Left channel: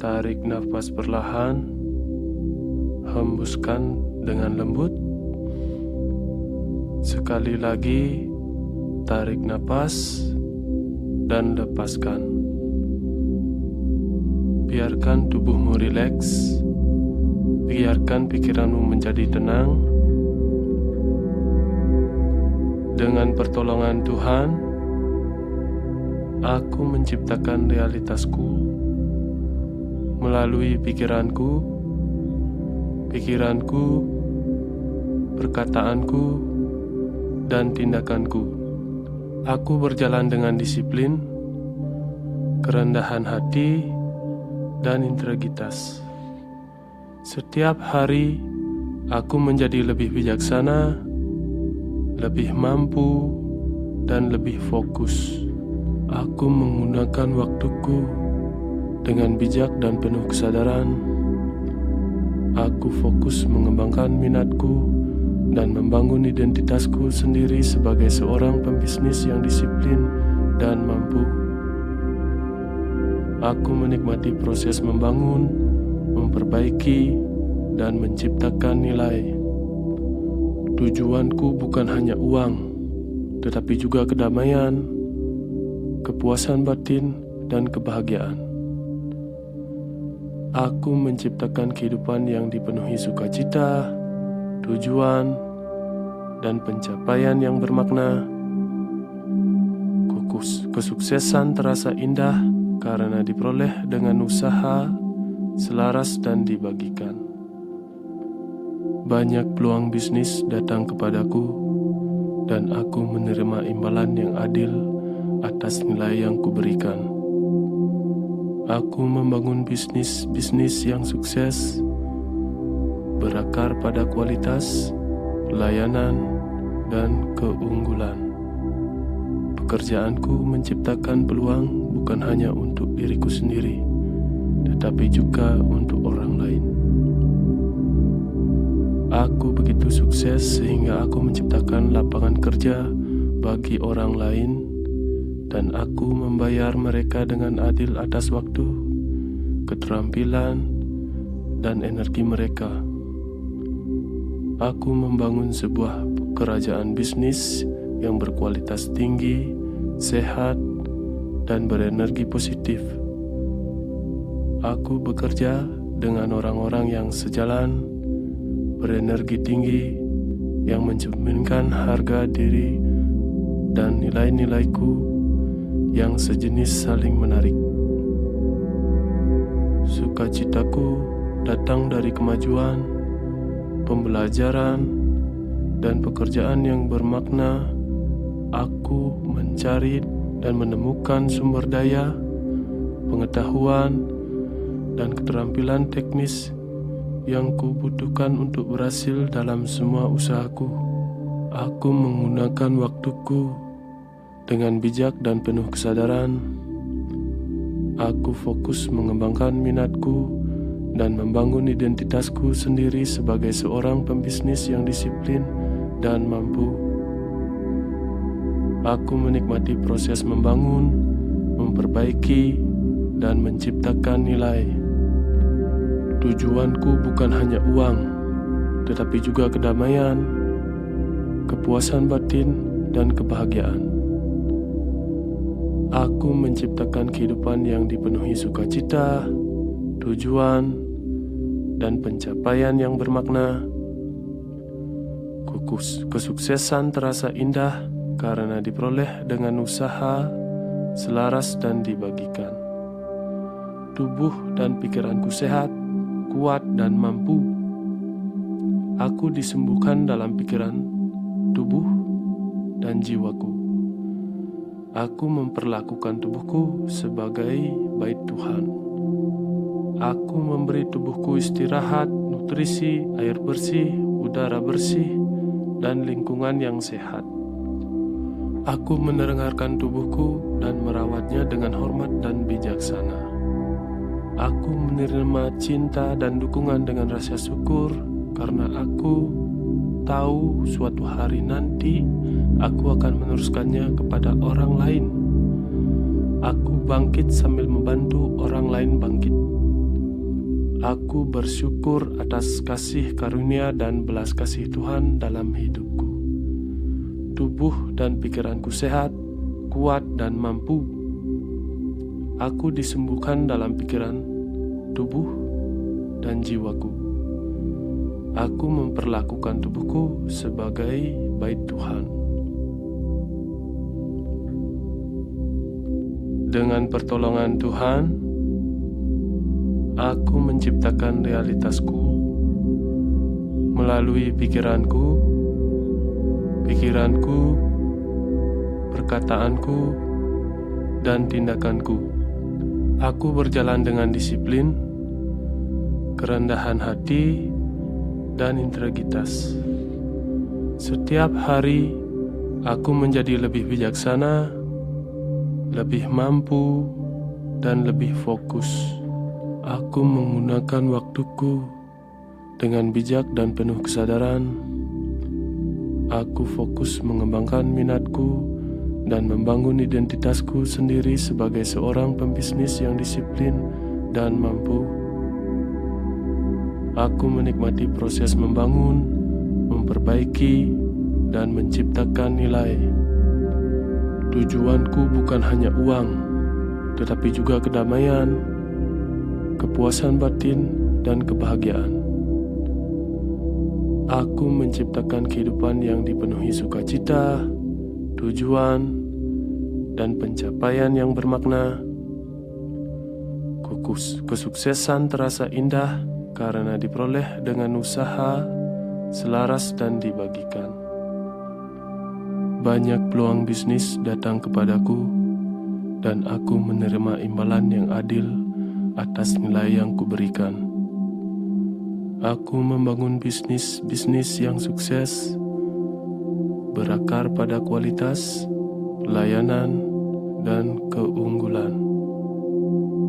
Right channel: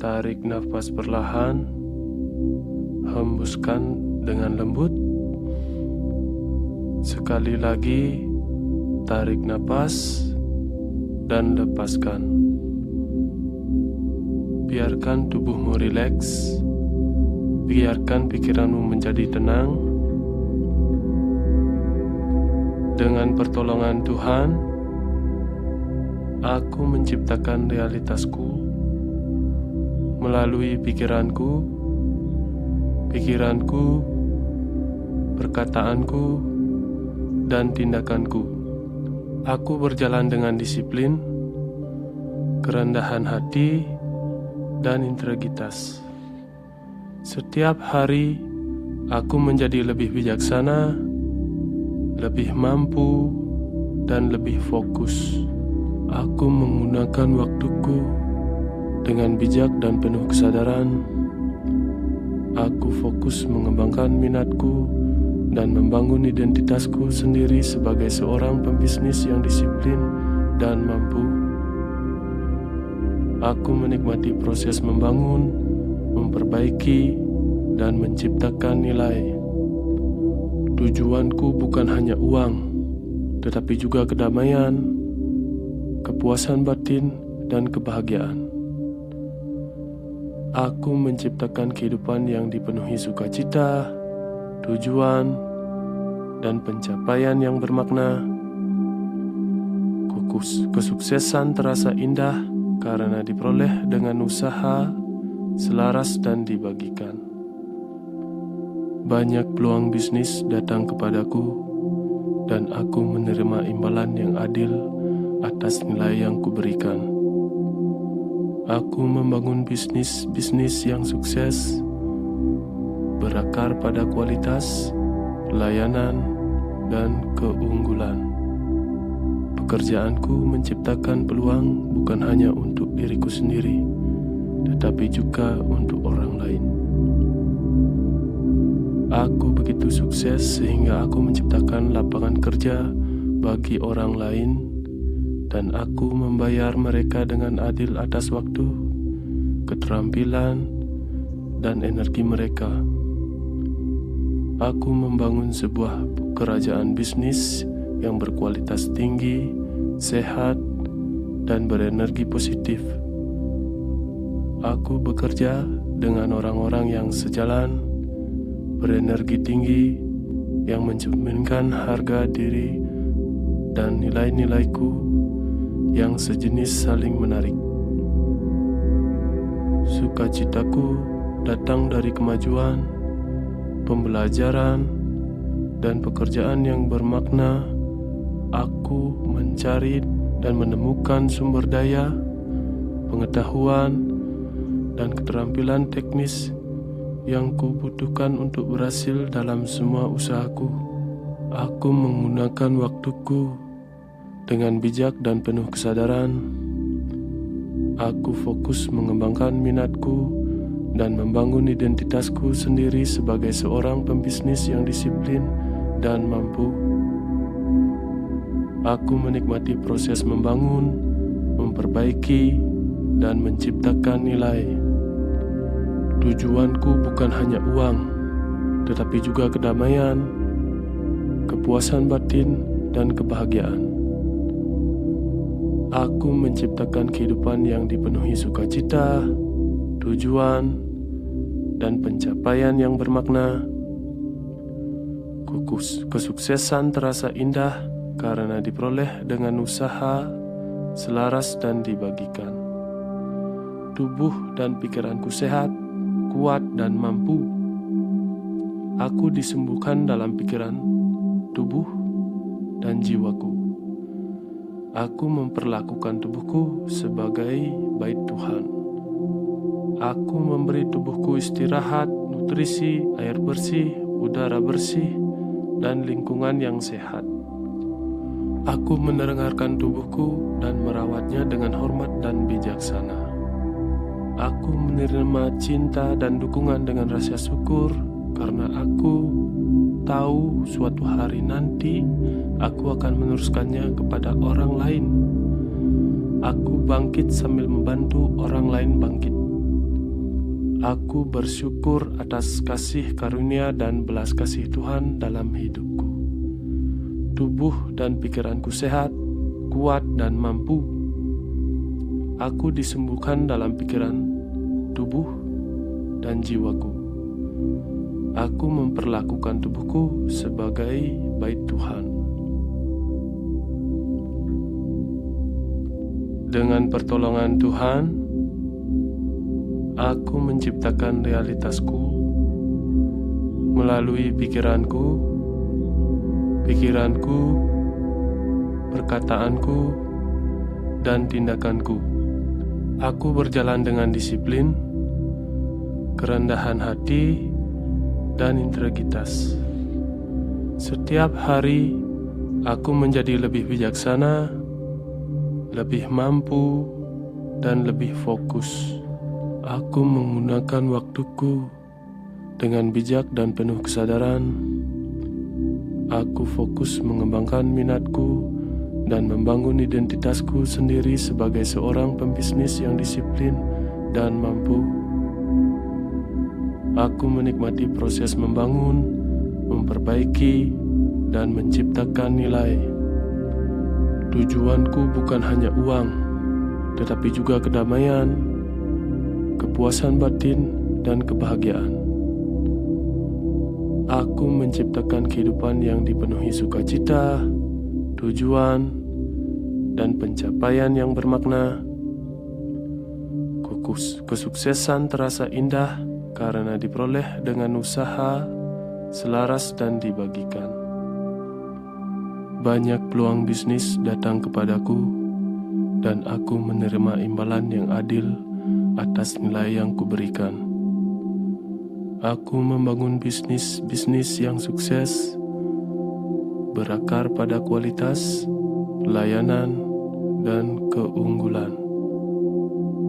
Tarik nafas perlahan, hembuskan dengan lembut. Sekali lagi, tarik nafas dan lepaskan. Biarkan tubuhmu rileks, biarkan pikiranmu menjadi tenang. Dengan pertolongan Tuhan, aku menciptakan realitasku melalui pikiranku, perkataanku, dan tindakanku. Aku berjalan dengan disiplin, kerendahan hati, dan integritas. Setiap hari, aku menjadi lebih bijaksana, lebih mampu, dan lebih fokus. Aku menggunakan waktuku dengan bijak dan penuh kesadaran. Aku fokus mengembangkan minatku dan membangun identitasku sendiri sebagai seorang pembisnis yang disiplin dan mampu. Aku menikmati proses membangun, memperbaiki, dan menciptakan nilai. Tujuanku bukan hanya uang, tetapi juga kedamaian, kepuasan batin, dan kebahagiaan. Aku menciptakan kehidupan yang dipenuhi sukacita, tujuan, dan pencapaian yang bermakna. Kesuksesan terasa indah karena diperoleh dengan usaha, selaras, dan dibagikan. Banyak peluang bisnis datang kepadaku, dan aku menerima imbalan yang adil atas nilai yang kuberikan. Aku membangun bisnis yang sukses, berakar pada kualitas, pelayanan, dan keunggulan. Pekerjaanku menciptakan peluang bukan hanya untuk diriku sendiri, tetapi juga untuk orang lain. Aku begitu sukses sehingga aku menciptakan lapangan kerja bagi orang lain, dan aku membayar mereka dengan adil atas waktu, keterampilan, dan energi mereka. Aku membangun sebuah kerajaan bisnis yang berkualitas tinggi, sehat, dan berenergi positif. Aku bekerja dengan orang-orang yang sejalan, berenergi tinggi, yang mencerminkan harga diri dan nilai-nilaiku yang sejenis saling menarik. Sukacitaku datang dari kemajuan, pembelajaran, dan pekerjaan yang bermakna. Aku mencari dan menemukan sumber daya, pengetahuan, dan keterampilan teknis yang kubutuhkan untuk berhasil dalam semua usahaku. Aku menggunakan waktuku dengan bijak dan penuh kesadaran. Aku fokus mengembangkan minatku dan membangun identitasku sendiri sebagai seorang pembisnis yang disiplin dan mampu. Aku menikmati proses membangun, memperbaiki, dan menciptakan nilai. Tujuanku bukan hanya uang, tetapi juga kedamaian, kepuasan batin, dan kebahagiaan. Aku menciptakan kehidupan yang dipenuhi sukacita, tujuan, dan pencapaian yang bermakna. Kesuksesan terasa indah karena diperoleh dengan usaha, selaras, dan dibagikan. Tubuh dan pikiranku sehat, kuat, dan mampu. Aku disembuhkan dalam pikiran, tubuh, dan jiwaku. Aku memperlakukan tubuhku sebagai bait Tuhan. Aku memberi tubuhku istirahat, nutrisi, air bersih, udara bersih, dan lingkungan yang sehat. Aku mendengarkan tubuhku dan merawatnya dengan hormat dan bijaksana. Aku menerima cinta dan dukungan dengan rasa syukur karena aku tahu suatu hari nanti aku akan meneruskannya kepada orang lain. Aku bangkit sambil membantu orang lain bangkit. Aku bersyukur atas kasih karunia dan belas kasih Tuhan dalam hidupku. Tubuh dan pikiranku sehat, kuat dan mampu. Aku disembuhkan dalam pikiran, tubuh, dan jiwaku. Aku memperlakukan tubuhku sebagai bait Tuhan. Dengan pertolongan Tuhan, aku menciptakan realitasku melalui pikiranku, perkataanku, dan tindakanku. Aku berjalan dengan disiplin, kerendahan hati, dan integritas. Setiap hari, aku menjadi lebih bijaksana, lebih mampu, dan lebih fokus. Aku menggunakan waktuku dengan bijak dan penuh kesadaran. Aku fokus mengembangkan minatku dan membangun identitasku sendiri sebagai seorang pembisnis yang disiplin dan mampu. Aku menikmati proses membangun, memperbaiki, dan menciptakan nilai. Tujuanku bukan hanya uang, tetapi juga kedamaian, kepuasan batin, dan kebahagiaan. Aku menciptakan kehidupan yang dipenuhi sukacita, tujuan, dan pencapaian yang bermakna. Kesuksesan terasa indah karena diperoleh dengan usaha, selaras, dan dibagikan. Banyak peluang bisnis datang kepadaku, dan aku menerima imbalan yang adil atas nilai yang kuberikan. Aku membangun bisnis yang sukses, berakar pada kualitas, layanan, dan keunggulan.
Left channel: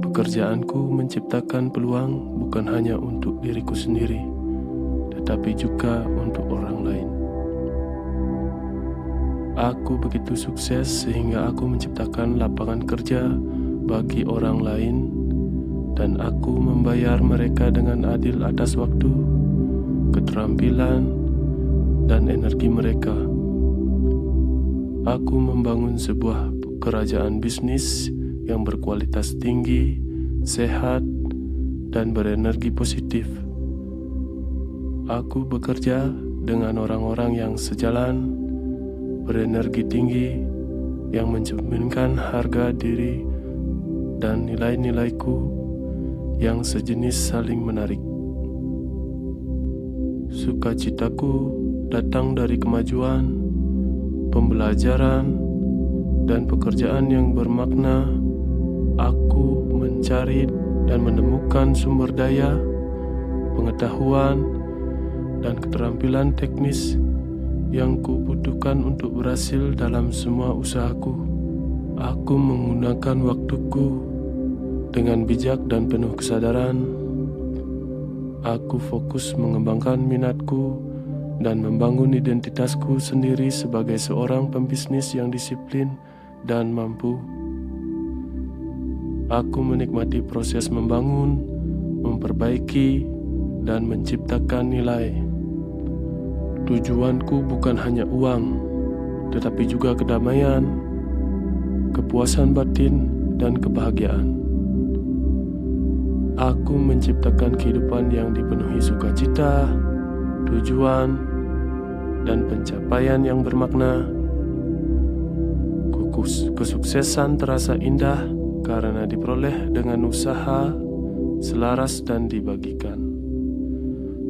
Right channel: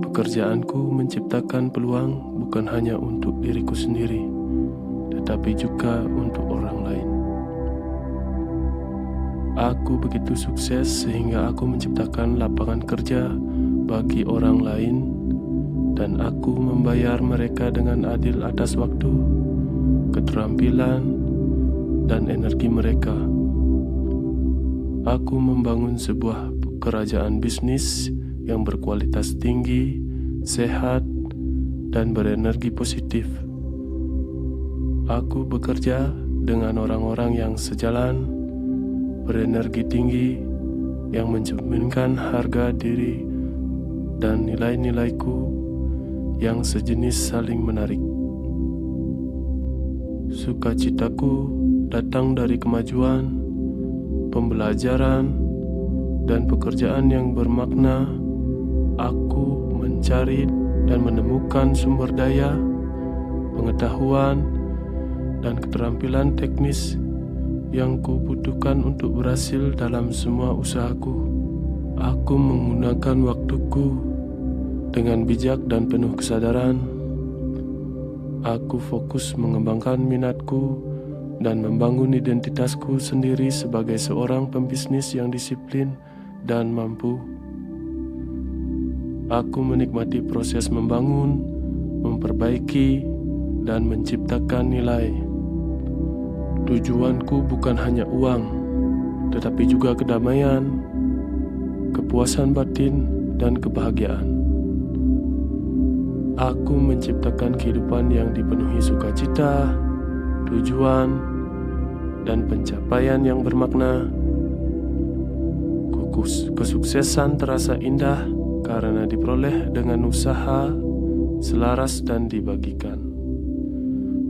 Pekerjaanku menciptakan peluang bukan hanya untuk diriku sendiri, tetapi juga untuk orang lain. Aku begitu sukses sehingga aku menciptakan lapangan kerja bagi orang lain, dan aku membayar mereka dengan adil atas waktu, keterampilan, dan energi mereka. Aku membangun sebuah kerajaan bisnis yang berkualitas tinggi, sehat, dan berenergi positif. Aku bekerja dengan orang-orang yang sejalan, berenergi tinggi, yang mencerminkan harga diri dan nilai-nilaiku yang sejenis saling menarik. Sukacitaku datang dari kemajuan, pembelajaran, dan pekerjaan yang bermakna. Aku mencari dan menemukan sumber daya, pengetahuan, dan keterampilan teknis yang kubutuhkan untuk berhasil dalam semua usahaku. Aku menggunakan waktuku dengan bijak dan penuh kesadaran. Aku fokus mengembangkan minatku dan membangun identitasku sendiri sebagai seorang pembisnis yang disiplin dan mampu. Aku menikmati proses membangun, memperbaiki, dan menciptakan nilai. Tujuanku bukan hanya uang, tetapi juga kedamaian, kepuasan batin, dan kebahagiaan. Aku menciptakan kehidupan yang dipenuhi sukacita, tujuan, dan pencapaian yang bermakna. Kesuksesan terasa indah karena diperoleh dengan usaha, selaras, dan dibagikan.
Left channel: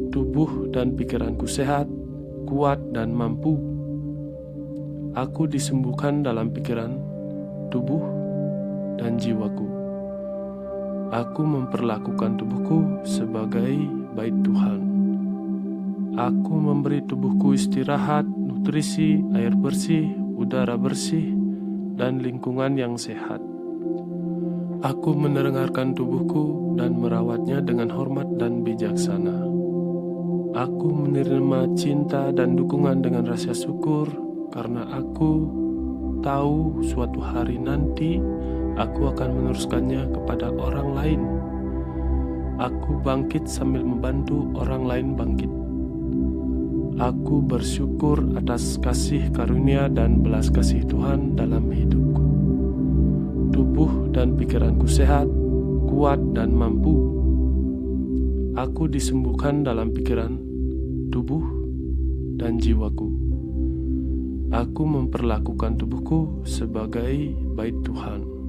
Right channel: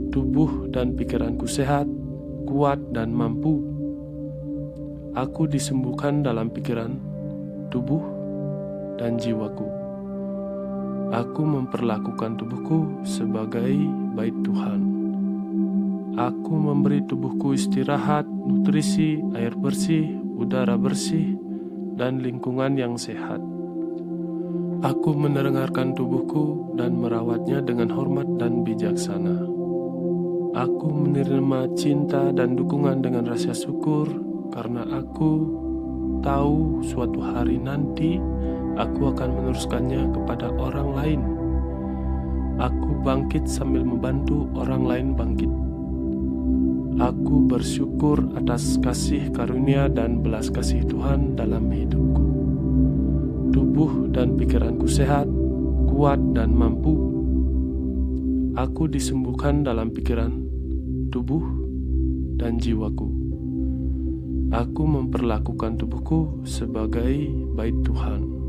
Tubuh dan pikiranku sehat, kuat, dan mampu. Aku disembuhkan dalam pikiran, tubuh, dan jiwaku. Aku memperlakukan tubuhku sebagai bait Tuhan. Aku memberi tubuhku istirahat, nutrisi, air bersih, udara bersih, dan lingkungan yang sehat. Aku mendengarkan tubuhku dan merawatnya dengan hormat dan bijaksana. Aku menerima cinta dan dukungan dengan rasa syukur karena aku tahu suatu hari nanti aku akan meneruskannya kepada orang lain. Aku bangkit sambil membantu orang lain bangkit. Aku bersyukur atas kasih karunia dan belas kasih Tuhan dalam hidupku. Tubuh dan pikiranku sehat, kuat dan mampu. Aku disembuhkan dalam pikiran, tubuh, dan jiwaku. Aku memperlakukan tubuhku sebagai bait Tuhan.